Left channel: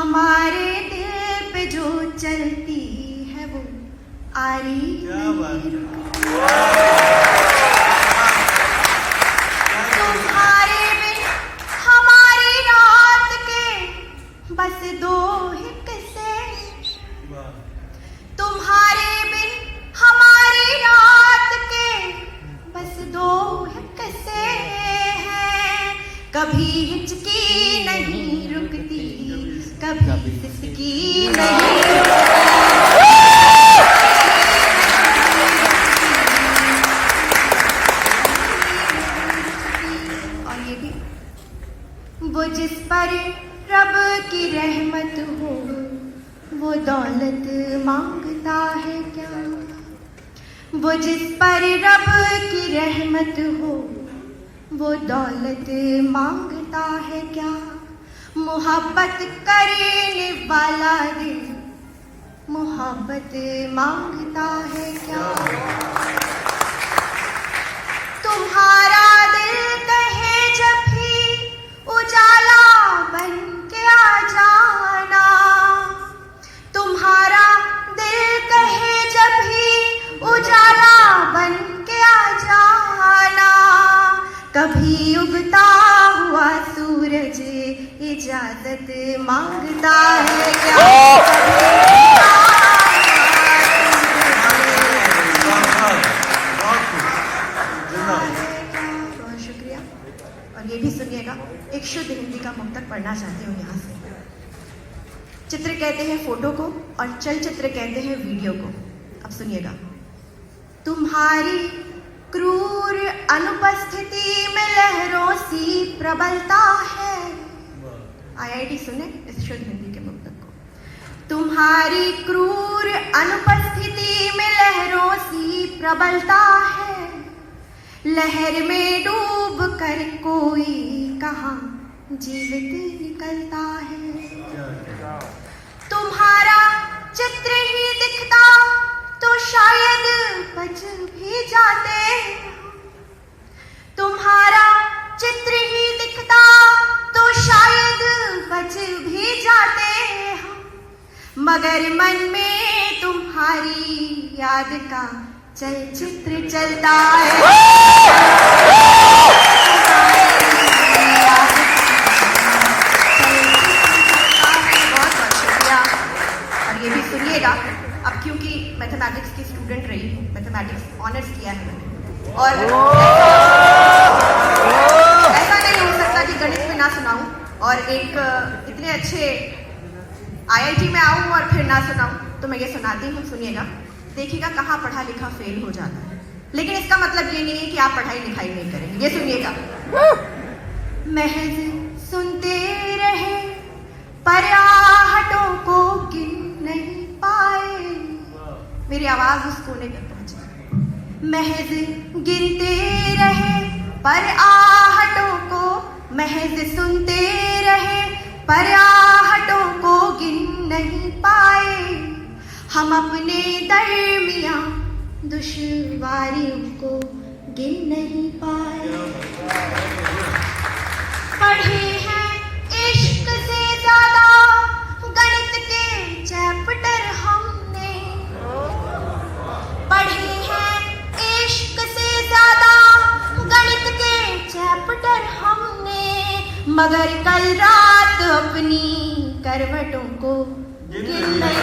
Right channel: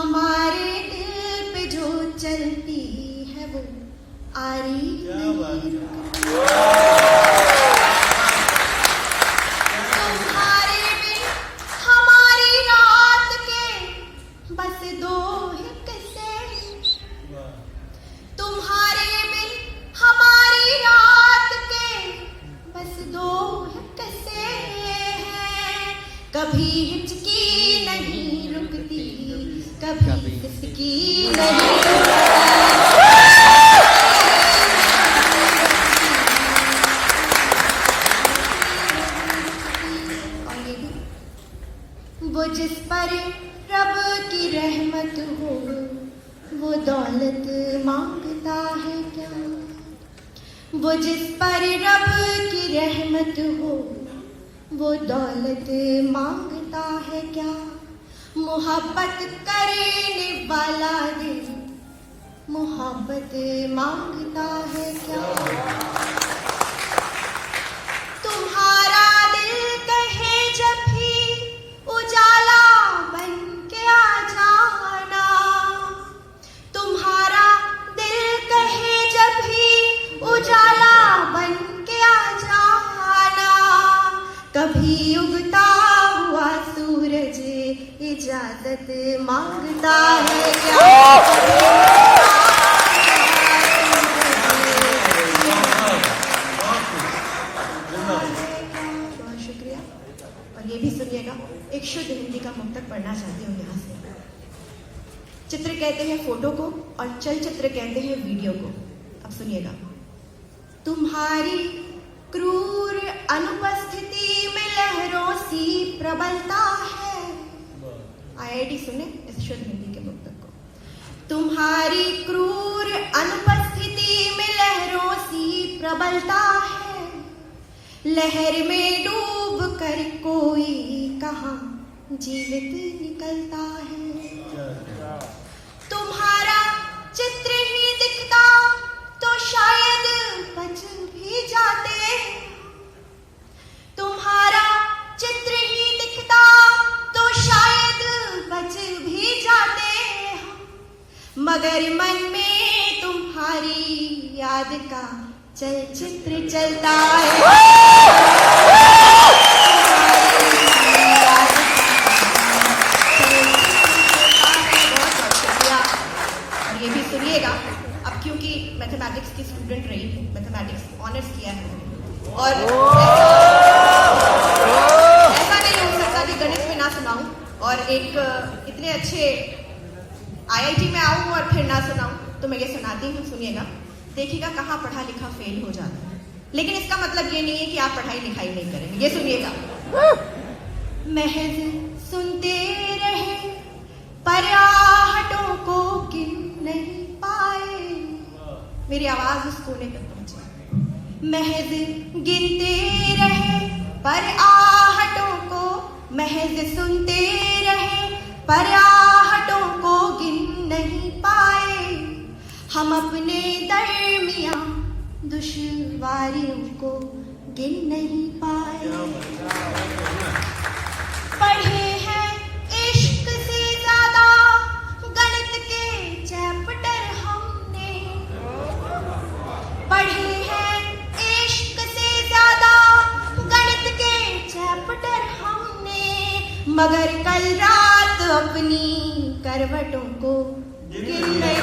हमारे दिल पे जो चलती है वो आरी नहीं रुकती। तुम्हारे बिन हमारी रात के बस दो ही किस्से, तुम्हारे बिन हमारी रात के बस दो ही किस्से हैं। कभी हिचकी नहीं रुकती, कभी सिसकी नहीं रुकती। और ये भी, वो जिस पर रब की रहमत हो वो दौलत मांगता है क्या। वो जिस पर रब की रहमत हो वो दौलत मांगता है क्या। मोहब्बत करने वाला दिल मोहब्बत मांगता है क्या। तुम्हारा दिल कहे जब भी उजाला बन के आ जाना, तुम्हारा दिल कहे जब भी उजाला बन के आ जाना। कभी उगता हुआ सूरज इजाजत मांगता है क्या। बहुत शुक्रिया। और ये भी सुनिएगा, एक शुद्ध हिंदी का मुक्तक पढ़ना चाहती हूँ यहाँ से। चित्र कहते हैं फोटो को और चलचित्र कहते हैं वीडियो को। अब सुनिएगा। तुम्हारी क्रूर अनुपस्थिति में लहरों सी प्रबलता है। आईआईटी सुने इस शुद्ध हिंदी के मुक्तक को। तुम्हारी क्रूर अनुपस्थिति में लहरों सी प्रबलता है। लहर में डूब कर कोई कहाँ जीवित निकलता है। तुम्हारा चित्र ही दिखता तो शायद बच भी जाते। तुम्हारा चित्र ही दिखता तो शायद बच भी जाते। मगर मन में तुम्हारी याद का चलचित्र चलता है। बहुत शुक्रिया। और ये भी सुनिएगा। अब क्योंकि मैथमेटिक्स की स्टूडेंट रही हूँ, मैथमेटिक्स ऑनर्स किया है और ऐसा नहीं हो सकता कि गणित में ना सुनाऊं और एक इतने अच्छे आईआईटी में आऊं और फिर ना सुनाऊं। तो मैं ये सुनाती हूँ, सुनिएगा। देखिएगा कहाँ पढ़ा लिखा फेल हो जाता है, लेकिन इसका मतलब ये नहीं है कि आप पढ़ाई लिखाई नहीं करेंगे। ये सुनिएगा। महज सुनते रहे पर आहटों को गिन नहीं पाए। मेरी आवाज उस कोने तक पहुंची। महज गिनते रहे पर आहटों को, महज सुनते रहे पर आहटों को गिन नहीं पाए। हम अपने दरमियां दुश्वारियों को गिन नहीं पाए। पढ़े हैं इश्क से ज्यादा गणित के चैप्टर हमने। पढ़े हैं इश्क से ज्यादा गणित के चैप्टर हमने। मगर कल रात अपनी करवटों को गिन नहीं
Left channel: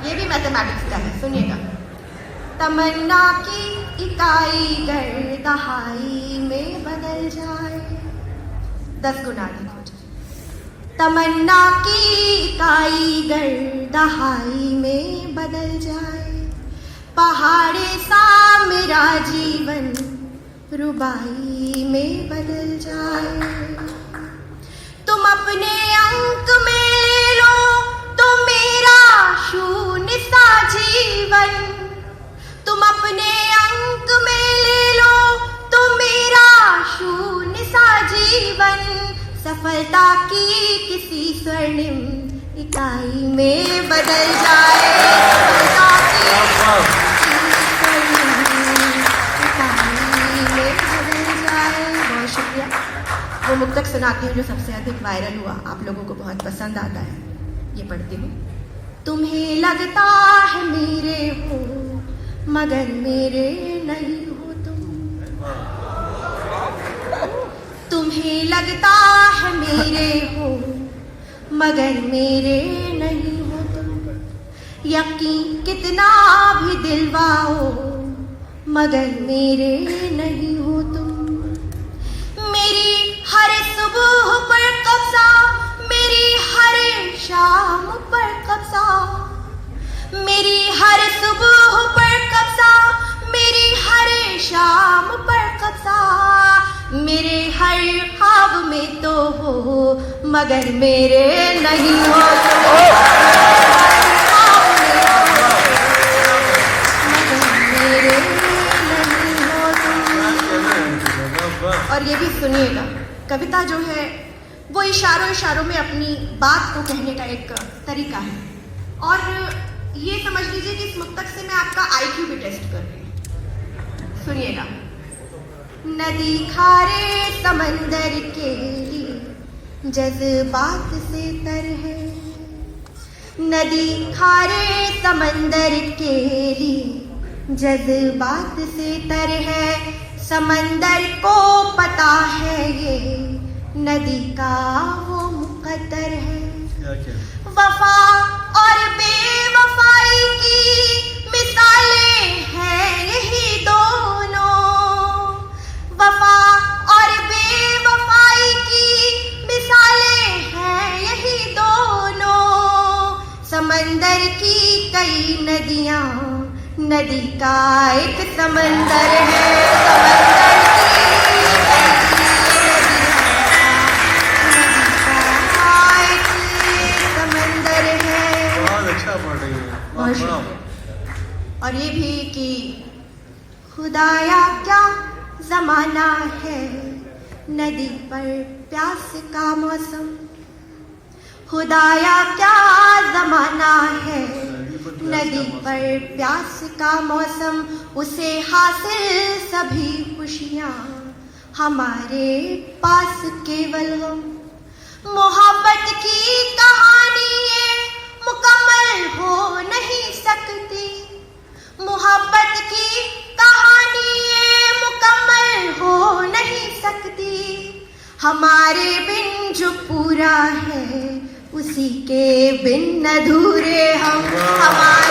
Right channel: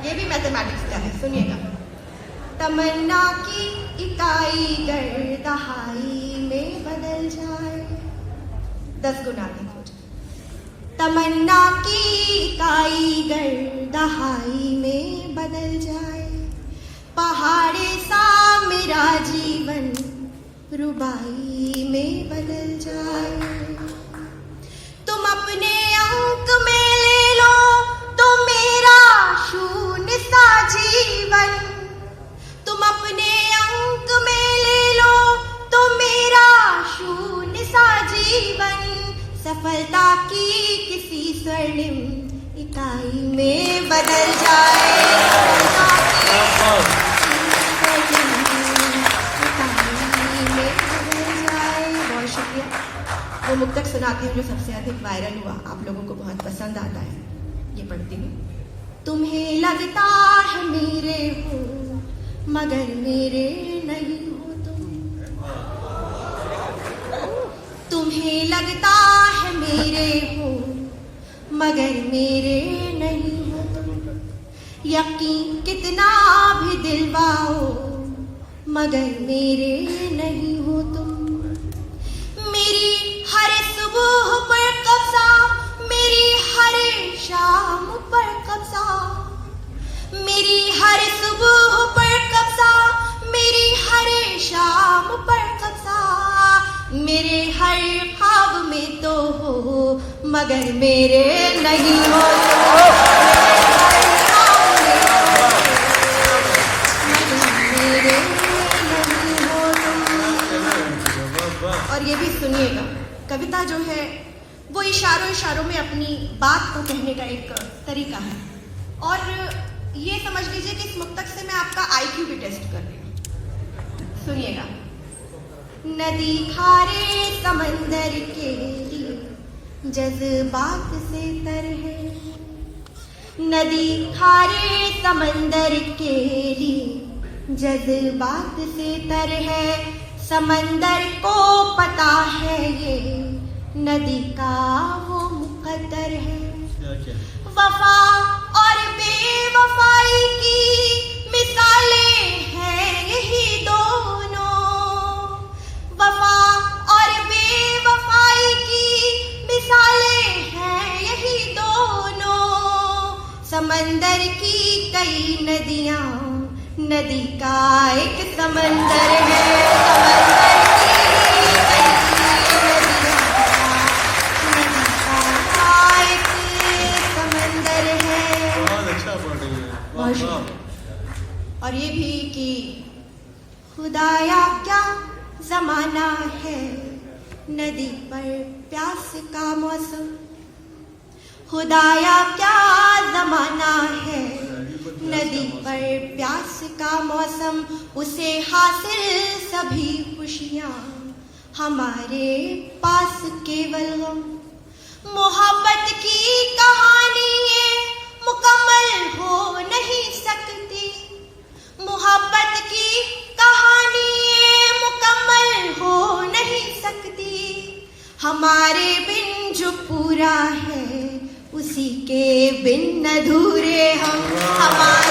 ये भी मैथमेटिक्स का है। सुनिएगा। तमन्ना की इकाई गर दहाई में बदल जाए। 10 गुना लिखो। तमन्ना की इकाई गर दहाई में बदल जाए। पहाड़े सा मेरा जीवन रुबाई में बदल जाए। तुम अपने अंक में ले लो तो मेरा शून्य सा जीवन। तुम अपने अंक में ले लो तो मेरा शून्य सा जीवन। सफलता की किसी स्वर्णिम इकाई में बदल जाए, बहुत शुक्रिया। वो मुक्तक सुनाती हूँ जो सबसे अधिक वायरल हुआ, आप लोगों को बहुत पसंद आता है, ये पढ़ती हूँ। तुम्हें लगता है मेरे हो मगर मेरे नहीं हो तुम, तुम्हें लगता है मेरे हो मगर मेरे नहीं हो तुम, यकीन कितना भी दिलवाओ मगर मेरे नहीं हो तुम। मेरी हर सुबह पर कब्जा, मेरी हर शाम पर कब्जा, मेरी हर सुबह पर कब्जा, मेरी हर शाम पर कब्जा, मेरे हर ख्वाब में तो हो मगर मेरे नहीं हो तुम। और ये भी सुनिएगा, कविता जो है वो इशारों इशारों में अपनी बात को कहने का एक तरीका है, और ये समझ लीजिए कि इस मुक्तक से मैं आपका IQ भी टेस्ट कर रही हूँ। सुनिएगा। नदी खारे समंदर के लिए जज्बात से तर है, नदी खारे समंदर के लिए जज्बात से तर है, समंदर को पता है ये नदी का वो मुकद्दर है। वफा और बेवफाई की मिसालें हैं यही दोनों, वफा और बेवफाई की मिसालें हैं यही दोनों, समंदर की कई नदियां नदी का एक समंदर है, समंदर की और ये भी कि खुदाया क्या जमाना है नदी पर प्यास का मौसम, खुदाया क्या जमाना है नदी पर प्यास का मौसम, उसे हासिल सभी खुशियाँ हमारे पास केवल हम, मोहब्बत की कहानी ये मुकम्मल हो नहीं सकती, मोहब्बत की कहानी ये मुकम्मल हो नहीं सकती, हमारे बिन जो पूरा है उसी के बिन अधूरे हम, हमारे